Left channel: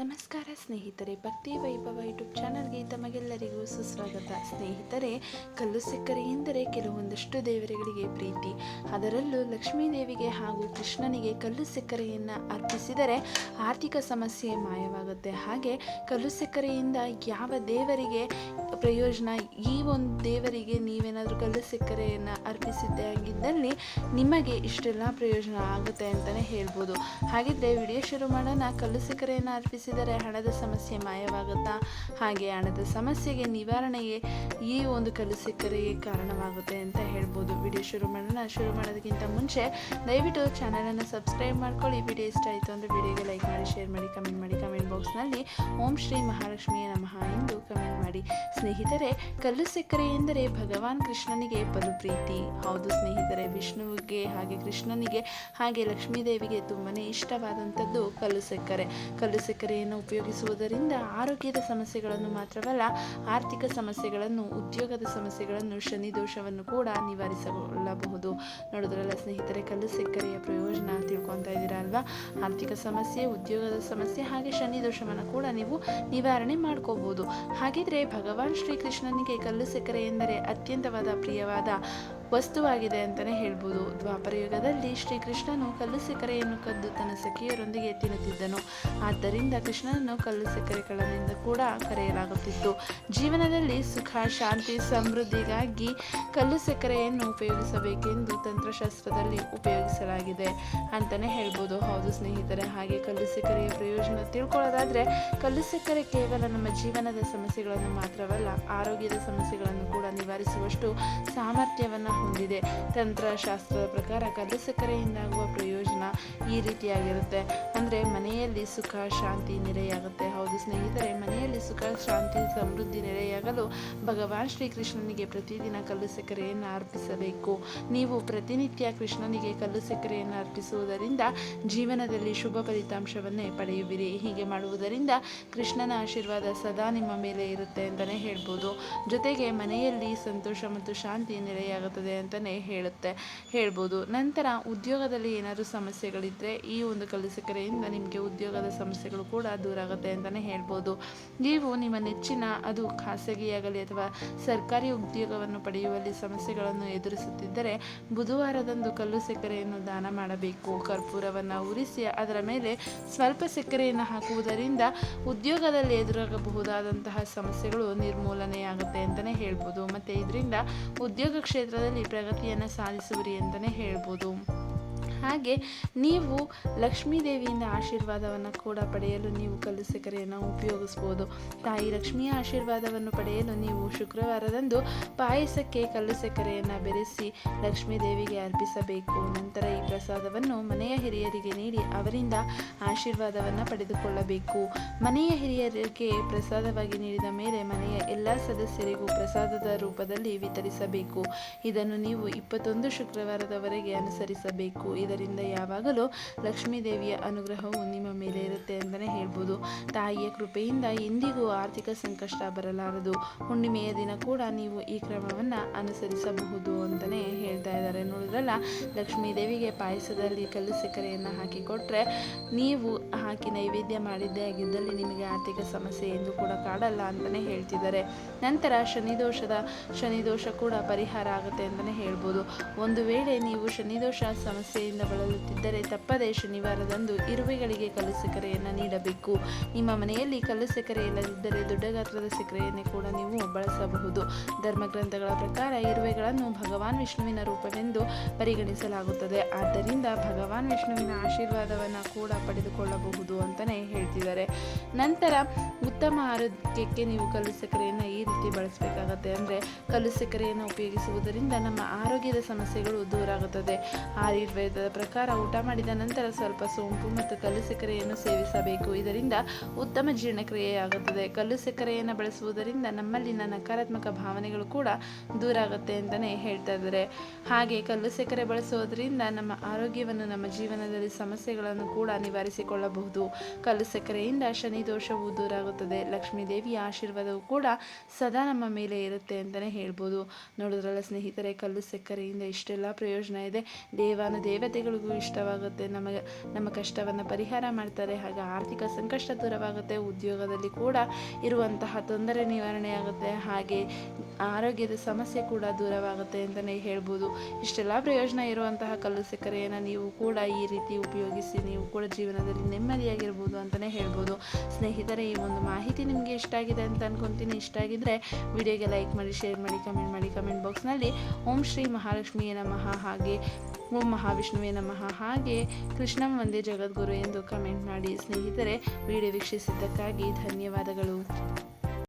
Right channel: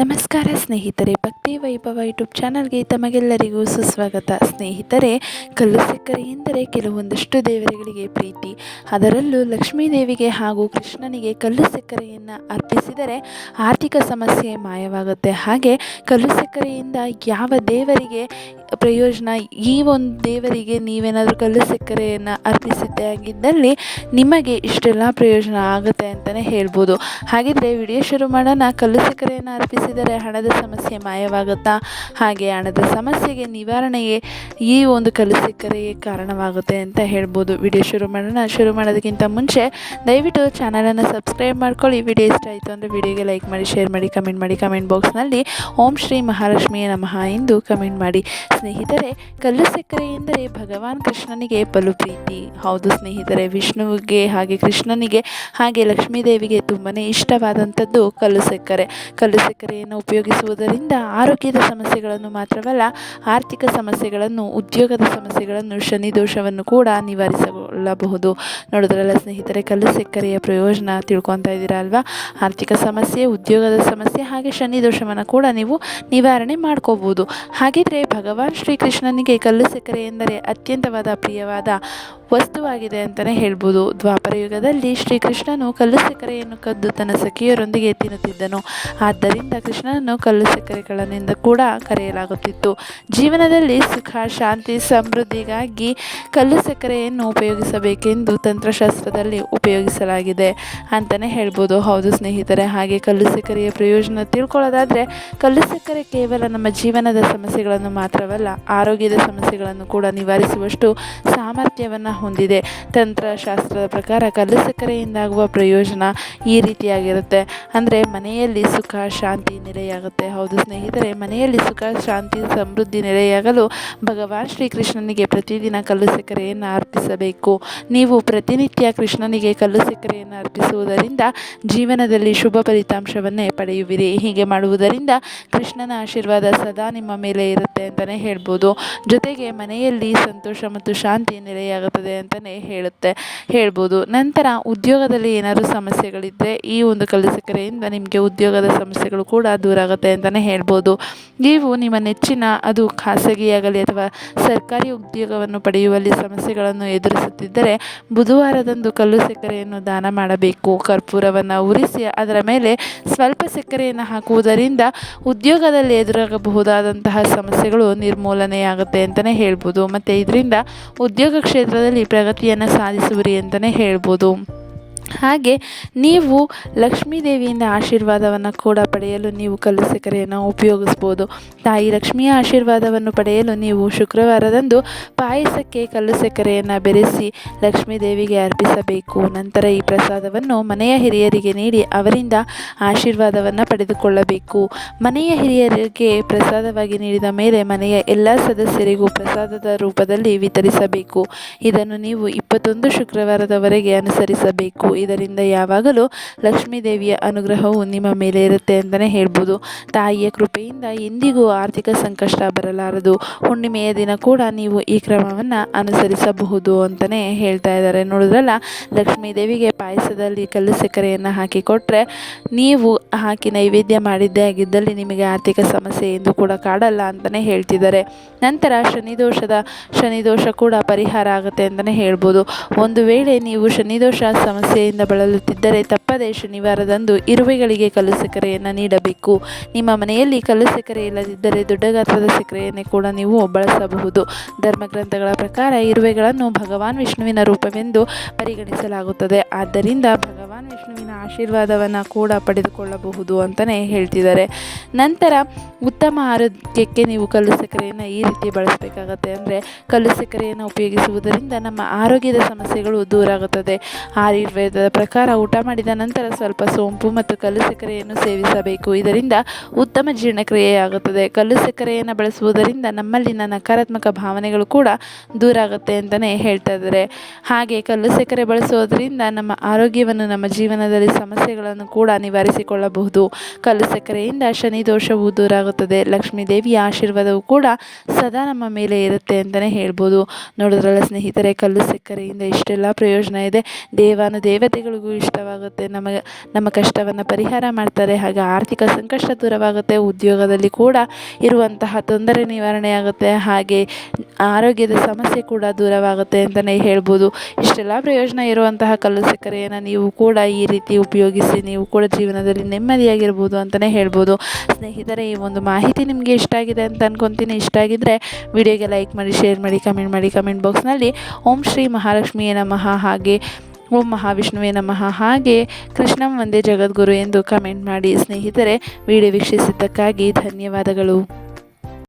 ನಮಸ್ಕಾರ ಸ್ನೇಹಿತರೆ, ಭಕ್ತಿ ವೈಭವ ಯೂಟ್ಯೂಬ್ ಚಾನಲ್ಗೆ ತಮಗೆಲ್ಲರಿಗೂ ಸುಸ್ವಾಗತ. ಸ್ನೇಹಿತರೆ, ಕಲ್ಲು ಸಕ್ಕರೆ ಎಂದರೆ ಕೆಲವೊಂದಷ್ಟು ದೇವರುಗಳಿಗೆ ಪ್ರೀತಿ. ಅದರಲ್ಲೂ ಲಕ್ಷ್ಮೀ ದೇವಿಗೆ ಹಾಗೂ ಕೃಷ್ಣನಿಗೆ ಕಲ್ಲು ಸಕ್ಕರೆಯನ್ನು ಅರ್ಪಿಸಿದರೆ ಆರ್ಥಿಕ ಸಮಸ್ಯೆ ಮಾಯವಾಗುತ್ತೆ. ಹಾಗೆ ಕಲ್ಲು ಸಕ್ಕರೆಯಿಂದ ಯಾವ ದೇವರಿಗೆ ಪ್ರಯೋಜನ, ಈ ಒಂದು ದೇವರಿಗೆ ನೀವೇನಾದರೂ ಕಲ್ಲು ಸಕ್ಕರೆಯನ್ನು ಅರ್ಪಿಸಿದ್ದೇ ಆಗಿದ್ದಲ್ಲಿ ನಿಮಗೆ ಇಷ್ಟೆಲ್ಲ ಪ್ರಯೋಜನ ಆಗುತ್ತೆ ಅಂತಲೇ ಹೇಳ್ಬೋದು. ಹಾಗಿದ್ರೆ ವಿಡಿಯೋ ಶುರು ಮಾಡೋಣ. ಕಲ್ಲು ಸಕ್ಕರೆಯನ್ನು ಅರ್ಪಿಸಿದರೆ ಹಣದ ಸಮಸ್ಯೆ ಮಾಯವಾಗುತ್ತಾ? ಹಾಗೆ ಹಣದ ಸಮಸ್ಯೆಗೆ ನಿವಾರಣೆಗೆ ಈ ಒಂದು ಕಲ್ಲು ಸಕ್ಕರೆಯೇ ಕಾರಣವಾಗುತ್ತೆ ಅಂತ ಹೇಳ್ಬೋದು. ವಿಡಿಯೋ ಶುರು ಮಾಡೋಣ. ಶುರು ಮಾಡೋದಕ್ಕಿಂತ ಮುಂಚೆ ದಯವಿಟ್ಟು ಚಾನಲನ್ನು ಸಬ್ಸ್ಕ್ರೈಬ್ ಮಾಡ್ಕೊಳ್ಳಿ. ವಿಡಿಯೋ ಇಷ್ಟ ಆಯಿತು ಅಂದರೆ ವಿಡಿಯೋಗೆ ಲೈಕ್ ಮಾಡಿ, ಶೇರ್ ಮಾಡಿ, ಕಮೆಂಟ್ ಮಾಡಿ. ಕಮೆಂಟ್ ಬಾಕ್ಸ್ನಲ್ಲಿ ಓಂ ಶ್ರೀ ಮಹಾಲಕ್ಷ್ಮಿಯೇ ನಮಃ ಎಂದು ಕಮೆಂಟ್ ಮಾಡಿ. ಸ್ನೇಹಿತರೆ, ಕಲ್ಲು ಸಕ್ಕರೆ ಎಂದರೆ ಭಗವಾನ್ ಕೃಷ್ಣನಿಗೆ ಬಲು ಪ್ರೀತಿ. ಹೌದು ಸ್ನೇಹಿತರೆ, ವಿಷ್ಣುವಿಗೆ ಹಾಗೆ ಕೃಷ್ಣನಿಗೆ ಹಾಗೆ ಲಕ್ಷ್ಮೀ ದೇವಿಗೆ ತುಂಬಾ ಇಷ್ಟವಾದಂಥದ್ದು ಕಲ್ಲು ಸಕ್ಕರೆ. ಕಲ್ಲು ಸಕ್ಕರೆಯನ್ನು ಉಪಯೋಗಿಸುವುದರಿಂದ ಆರೋಗ್ಯದ ಸಮಸ್ಯೆಗಳನ್ನು ಮಾತ್ರವಲ್ಲ, ಆರ್ಥಿಕ ಸಮಸ್ಯೆಗಳನ್ನು, ಉದ್ಯೋಗದ ಸಮಸ್ಯೆಗಳನ್ನು, ಶನಿ ದೋಷವನ್ನು ಕೂಡ ನಿವಾರಿಸಿಕೊಳ್ಳಬಹುದು. ನೋಡಿದ್ರಲ್ಲ ಸ್ನೇಹಿತರೆ, ಕಲ್ಲು ಸಕ್ಕರೆಯ ಪ್ರಯೋಜನ ತಿಳ್ಕೊತಾ ಇದ್ದೀರಾ ಅಲ್ವಾ? ಆರ್ಥಿಕ ಸಮಸ್ಯೆ, ಉದ್ಯೋಗದ ಸಮಸ್ಯೆ ಹಾಗೆ ಶನಿ ದೋಷವನ್ನು ಕೂಡ ನೀವು ನಿವಾರಣೆ ಮಾಡ್ಕೋಬೋದು. ಹಾಗಿದ್ರೆ ಭಗವಾನ್ ಶ್ರೀಕೃಷ್ಣನಿಗೆ ಕಲ್ಲು ಸಕ್ಕರೆ ಎಂದರೆ ಅತ್ಯಂತವಾದ ಪ್ರಿಯವಾದ ವಸ್ತುವಾಗಿದೆ ಅಂತಲೇ ಹೇಳ್ಬೋದು. ದ್ವಾಪರ ಯುಗದಲ್ಲಿ ಶ್ರೀಕೃಷ್ಣನು ಕಲ್ಲು ಸಕ್ಕರೆಯನ್ನು ಕದ್ದು ತನ್ನ ಸಖಿಯರೊಂದಿಗೆ ತಿನ್ನುತ್ತಿದ್ದನು. ಆದ್ದರಿಂದ ಕೃಷ್ಣನನ್ನು ಕಲ್ಲು ಸಕ್ಕರೆಗಳನ್ನಿಂದ ಕೂಡ ಕರೆಯಲಾಗುತ್ತಿತ್ತು. ಜೀವನದಲ್ಲಿ ಸುಖ, ಶಾಂತಿ, ಸಮೃದ್ಧಿಗಾಗಿ ಕಲ್ಲು ಸಕ್ಕರೆಯನ್ನು ಉಪಯೋಗಿಸಬೇಕೆಂದು ತಂತ್ರಶಾಸ್ತ್ರದಲ್ಲಿ ಉಪಯೋಗಿಸಲಾಗಿದೆ ಅಂತಲೇ ಹೇಳ್ಬೋದು. ಹೌದು ಸ್ನೇಹಿತರೆ, ಹಾಗೆ ಕಲ್ಲು ಸಕ್ಕರೆಯ ಪ್ರಯೋಜನ ತಿಳ್ಕೊಳ್ಳೋದಾದರೆ, ಕಲ್ಲು ಸಕ್ಕರೆ ಕೇವಲ ನಮ್ಮ ಜೀವನದ ಸಮಸ್ಯೆಗಳನ್ನು ಮಾತ್ರವಲ್ಲ, ಆರೋಗ್ಯದ ಸಮಸ್ಯೆಗಳನ್ನು ಕೂಡ ನಿವಾರಿಸುವಷ್ಟು ಸಾಮರ್ಥ್ಯವನ್ನು ಹೊಂದಿದೆ. ತಂತ್ರಶಾಸ್ತ್ರದ ಪ್ರಕಾರ ಕಲ್ಲು ಸಕ್ಕರೆಯಿಂದಾಗುವ ಪ್ರಯೋಜನ ಈ ರೀತಿಯಾಗಿರುತ್ತೆ. ಅಂದರೆ ಮನೆಯಲ್ಲಿ ಸುಖ, ಶಾಂತಿ ನೆಲೆಯಾಗುತ್ತೆ. ಹೌದು ಸ್ನೇಹಿತರೆ, ಮನೆಯಲ್ಲಿ ಸುಖ, ಶಾಂತಿ, ಸಮೃದ್ಧಿ ನೆಲೆಯಾಗಲು ಭಗವಾನ್ ಶ್ರೀಕೃಷ್ಣನಿಗೆ ಪ್ರತಿದಿನ ಕಲ್ಲು ಸಕ್ಕರೆಯನ್ನು ಅರ್ಪಿಸಬೇಕು. ನೀವು ಪ್ರತಿನಿತ್ಯ ಕೃಷ್ಣನಿಗೆ ಕಲ್ಲು ಸಕ್ಕರೆಯನ್ನು ಅರ್ಪಿಸುವುದರಿಂದ ಜೀವನದಲ್ಲಿ ಶುಭ ಫಲಿತಾಂಶವನ್ನೇ ಪಡೆಯುವಿರಿ. ಹೀಗೆ ಮಾಡುವುದರಿಂದ ಕೃಷ್ಣನ ಆಶೀರ್ವಾದ ಸದಾ ನಿಮ್ಮ ಮೇಲೆ ಇರುತ್ತೆ ಅಂತಲೇ ಹೇಳ್ಬೋದು. ಜೊತೆಗೆ ಮನೆಯಲ್ಲಿ ಸಂತೋಷ ಮತ್ತು ಶಾಂತಿ ನೆಲೆಯಾಗುತ್ತದೆ ಅಂತಲೇ ಹೇಳ್ಬೋದು. ನಂತರ ಉದ್ಯೋಗದಲ್ಲಿ ಏನಾದರೂ ಸಮಸ್ಯೆಗಳಿದ್ದರೆ ಈ ಒಂದು ಕಲ್ಲು ಸಕ್ಕರೆಯಿಂದ ನಿಮಗೆ ಉದ್ಯೋಗದ ಸಮಸ್ಯೆಗಳು ಕೂಡ ದೂರ ಆಗುತ್ತೆ ಅಂತಲೇ ಹೇಳ್ಬೋದು. ನೀವು ನಿಮ್ಮ ನೆಚ್ಚಿನ, ಅದು ಖಾಸಗಿಯಾಗಲಿ ಅಥವಾ ಸರ್ಕಾರಿ ಉದ್ಯೋಗವನ್ನು ಪಡೆಯುವಲ್ಲಿ ಸಮಸ್ಯೆಗಳನ್ನು ಎದುರಿಸುತ್ತಿದ್ದರೆ ಬುಧವಾರದಂದು ಕಲ್ಲು ಸಕ್ಕರೆಯನ್ನು ದಾನ ಮಾಡಬೇಕು. ಕರ್ಪೂರವನ್ನು ಉರಿಸಿ ಅದರ ಮೇಲೆ ಸ್ವಲ್ಪ ಸಕ್ಕರೆಯನ್ನು ಹಾಕುವುದರಿಂದ ಉದ್ಯೋಗದಲ್ಲಿ ಎದುರಾಗಬಹುದಾದಂತಹ ಸಮಸ್ಯೆಗಳು ನಿರ್ಮೂಲನೆಯಾಗುತ್ತೆ ಅಂತಲೇ ಹೇಳ್ಬೋದು. ಮತ್ತು ಇದರಿಂದ ಉದ್ಯೋಗ ಕ್ಷೇತ್ರದಲ್ಲಿ ಪ್ರಗತಿಯನ್ನು ಸಾಧಿಸುವಿರಿ ಅಂತಲೇ ಹೇಳ್ಬೋದು. ಹಾಗೆ ನೀವು ಲಕ್ಷ್ಮೀ ದೇವಿಯಿಂದ ಆಶೀರ್ವಾದವನ್ನು ಕೂಡ ಪಡೆಯಲು ನೀವು ಕಲ್ಲು ಸಕ್ಕರೆಯನ್ನು ಉಪಯೋಗಿಸ್ಬೋದು. ತಾಯಿ ಲಕ್ಷ್ಮಿಯ ಆಶೀರ್ವಾದವನ್ನು ಪಡೆಯಲು ನೀವು ಶುಕ್ರವಾರದಂದು ಪಾಯಸಕ್ಕೆ ಕಲ್ಲು ಸಕ್ಕರೆಯನ್ನು ಬೆರೆಸಿ ಲಕ್ಷ್ಮೀ ದೇವಿಗೆ ಅರ್ಪಿಸಬೇಕು. ನಂತರ ಈ ಪ್ರಸಾದವನ್ನು ಮನೆಯ ಹಿರಿಯರಿಗೆ ನೀಡಿ ಅವರಿಂದ ಆಶೀರ್ವಾದವನ್ನು ಪಡೆದುಕೊಳ್ಳಬೇಕು. ಮನೆಯ ಹಿರಿಯರಿಗೆ ಪ್ರಸಾದವಾಗಿ ನೀಡಿದ ಮೇಲೆ ಮನೆಯ ಎಲ್ಲ ಸದಸ್ಯರಿಗೂ ಪ್ರಸಾದದ ರೂಪದಲ್ಲಿ ವಿತರಿಸಬೇಕು. ಇದನ್ನು ನೀವು 21 ಶುಕ್ರವಾರದವರೆಗೆ ಅನುಸರಿಸಬೇಕು. ಇದರಿಂದ ಯಾವಾಗಲೂ ಲಕ್ಷ್ಮೀ ದೇವಿಯ ಅನುಗ್ರಹವು ನಿಮ್ಮ ಮೇಲೆ ಇರುತ್ತೆ ಅಂತಲೇ ಹೇಳ್ಬೋದು. ತಾಯಿಯ ಕೃಪೆಯಿಂದ ಎಂದಿಗೂ ಆರ್ಥಿಕ ಸಂಕಷ್ಟ ಬರಲಾರದು. ಹುಣ್ಣಿಮೆಯ ದಿನ ಕೂಡ ನೀವು ಈ ಕ್ರಮವನ್ನು ಅನುಸರಿಸಬಹುದು ಅಂತಲೇ ಹೇಳ್ತಾ ಇದ್ದಾರೆ. ನೋಡಿದ್ರಲ್ಲ, ಲಕ್ಷ್ಮೀ ದೇವಿಗೆ ಪಾಯಸದಲ್ಲಿ ಕಲ್ಲು ಸಕ್ಕರೆಯನ್ನು ಹಾಕಿ ಕೊಟ್ಟರೆ, ನೀವು ಹಾಕಿ ನೈವೇದ್ಯ ಮಾಡಿದ್ದೇ ಆಗಿದ್ದಲ್ಲಿ ನಿಮಗೆ ಆರ್ಥಿಕ ಸಮಸ್ಯೆ ಎಂದು ಕೂಡ ಕಾಡಲ್ಲ ಅಂತಲೇ ಹೇಳ್ತಿದ್ದಾರೆ. ನಂತರ ಶನಿದೋಷ ಕೂಡ ಪರಿಹಾರ ಆಗುತ್ತೆ ಅಂತಲೇ ಹೇಳ್ಬೋದು. ಒಂದು ವೇಳೆ ನೀವು ಶನಿದೋಷ ಸಮಸ್ಯೆಯಿಂದ ಬಳಲುತ್ತಿದ್ದರೆ ತಪ್ಪದೇ ಶನಿವಾರದಂದು ಇರುವೆಗಳಿಗೆ ಕಲ್ಲು ಸಕ್ಕರೆಯನ್ನು ನೀಡಬೇಕು. ನಿಮ್ಮ ಮನೆಯಲ್ಲಿ ಕಲ್ಲು ಸಕ್ಕರೆ ಇಲ್ಲದಿದ್ದರೆ ದೊಡ್ಡ ಗಾತ್ರದ ಸಕ್ಕರೆಯನ್ನೇ ಕೂಡ ನೀವು ಬಳಸಬಹುದು. ಧರ್ಮಗ್ರಂಥಗಳ ಪ್ರಕಾರ ಇರುವೆಗಳನ್ನು ಭಗವಾನ್ ವಿಷ್ಣುವಿನ ರೂಪವೆಂದು ಪರಿಗಣಿಸಲಾಗುತ್ತದೆ. ಆದ್ದರಿಂದ ಭಗವಾನ್ ವಿಷ್ಣುವಿನ ಆಶೀರ್ವಾದವನ್ನು ಕೂಡ ಪಡೆದುಕೊಳ್ಳಬಹುದು ಅಂತಲೇ ಹೇಳ್ತಿದ್ದಾರೆ. ನಂತರ ಉತ್ತಮ ಆರೋಗ್ಯಕ್ಕೆ ನೀವು ಕಲ್ಲು ಸಕ್ಕರೆಯನ್ನು ಈ ರೀತಿ ಬಳಸಬೇಕಾಗತ್ತೆ. ಅಂದರೆ ಕಲ್ಲು ಸಕ್ಕರೆಯನ್ನು ಉಪಯೋಗಿಸುವುದರಿಂದ ನಮ್ಮ ಆರೋಗ್ಯದ ಸಮಸ್ಯೆಗಳು ದೂರ ಆಗುತ್ತದೆ. ಆಯುರ್ವೇದದ ಪ್ರಕಾರ ಊಟ ಮಾಡಿದ ನಂತರ ಸ್ವಲ್ಪ ಸೋಂಪು ಮತ್ತು ಕಲ್ಲು ಸಕ್ಕರೆಯನ್ನು ಸೇವಿಸಬೇಕು. ಇದರಿಂದ ಉತ್ತಮ ಜೀರ್ಣಕ್ರಿಯೆಯಾಗುತ್ತದೆ. ಕಲ್ಲು ಸಕ್ಕರೆಯನ್ನು ಬಳಸುವುದರಿಂದ ನಮ್ಮಲ್ಲಿನ ನಕಾರಾತ್ಮಕ ಭಾವನೆಗಳು ಕೂಡ ದೂರ ಆಗುತ್ತೆ ಅಂತಲೇ ಹೇಳ್ತಾ ಇದ್ದಾರೆ. ಹಾಗೆ ಕಲ್ಲು ಸಕ್ಕರೆ ಬಳಸುವುದರಿಂದ ನಮ್ಮ ಆರೋಗ್ಯವನ್ನು, ನಮ್ಮ ಜೀವನದಲ್ಲಿ ಸಮಸ್ಯೆಗಳನ್ನು ಕೂಡ ನಿವಾರಿಸಿಕೊಳ್ಳಬಹುದು. ಕಲ್ಲು ಸಕ್ಕರೆಯಿಂದ ಶನಿ ದೋಷವು ದೂರ ಆಗುತ್ತದೆ. ಲಕ್ಷ್ಮೀ ದೇವಿಯ ಆಶೀರ್ವಾದವು ಕೂಡ ಸದಾ ನಮ್ಮ ಮೇಲೆ ಇರುತ್ತೆ ಅಂತಲೇ ಹೇಳ್ಬೋದು. ನೋಡಿದ್ರಲ್ಲ ಸ್ನೇಹಿತರೆ, ಕಲ್ಲು ಸಕ್ಕರೆಯಿಂದ ಇಷ್ಟೆಲ್ಲ ಪ್ರಯೋಜನ ಇದೆ. ದೇವಾನುದೇವತೆಗಳಿಗೂ ಇಷ್ಟವಾಗುತ್ತೆ ನಮ್ಮ ಕಷ್ಟವನ್ನು ಪರಿಹಾರ ಮಾಡ್ತಾರೆ. ಹಾಗೆ ಆರ್ಥಿಕ ಸಂಕಷ್ಟ ದೂರವಾಗುತ್ತೆ, ಉದ್ಯೋಗದಲ್ಲಿ ಕೂಡ ಇರುವಂತಹ ತೊಂದರೆ ನಿವಾರಣೆ ಆಗುತ್ತೆ, ಹಾಗೆ ಆರೋಗ್ಯದ ಸಮಸ್ಯೆ ಕೂಡ ದೂರವಾಗುತ್ತೆ ಅಂತಲೇ ಹೇಳ್ಬೋದು. ಇಷ್ಟೆಲ್ಲ ಪ್ರಯೋಜನ ಇರುವಂತಹ ಕಲ್ಲು ಸಕ್ಕರೆಯನ್ನು ನೀವು ಕೂಡ ಈ ರೀತಿ ಉಪಯೋಗಿಸಿ ನೀವು ಕೂಡ ಜೀವನದಲ್ಲಿ ನೆಮ್ಮದಿಯಾಗಿರ್ಬೋದು ಅಂತಲೇ ಹೇಳ್ಬೋದು. ಸ್ನೇಹಿತರೆ, ಈ ಒಂದು ಮಾಹಿತಿ ನಿಮಗೆ ಇಷ್ಟ ಆಗಿದೆ ಅಂತ ಅನ್ಕೊತೀನಿ. ಇಷ್ಟ ಆಗಿದ್ದರೆ ವಿಡಿಯೋಗೆ ಲೈಕ್ ಮಾಡಿ, ಶೇರ್ ಮಾಡಿ, ಕಮೆಂಟ್ ಬಾಕ್ಸ್ನಲ್ಲಿ ಓಂ ಶ್ರೀ ಮಹಾಲಕ್ಷ್ಮಿಯೇ ನಮಃ, ಹಾಗೆ ಓಂ ಮಹಾವಿಷ್ಣುವೇ ನಮಃ, ಹಾಗೆ ಕೃಷ್ಣಂ ವಂದೇ ಜಗದ್ಗುರು ಎಂದು ಕಮೆಂಟ್ ಮಾಡಿ. ಸ್ನೇಹಿತರೆ, ವಿಡಿಯೋ ವೀಕ್ಷಿಸಿದ್ದಕ್ಕಾಗಿ ಧನ್ಯವಾದಗಳು.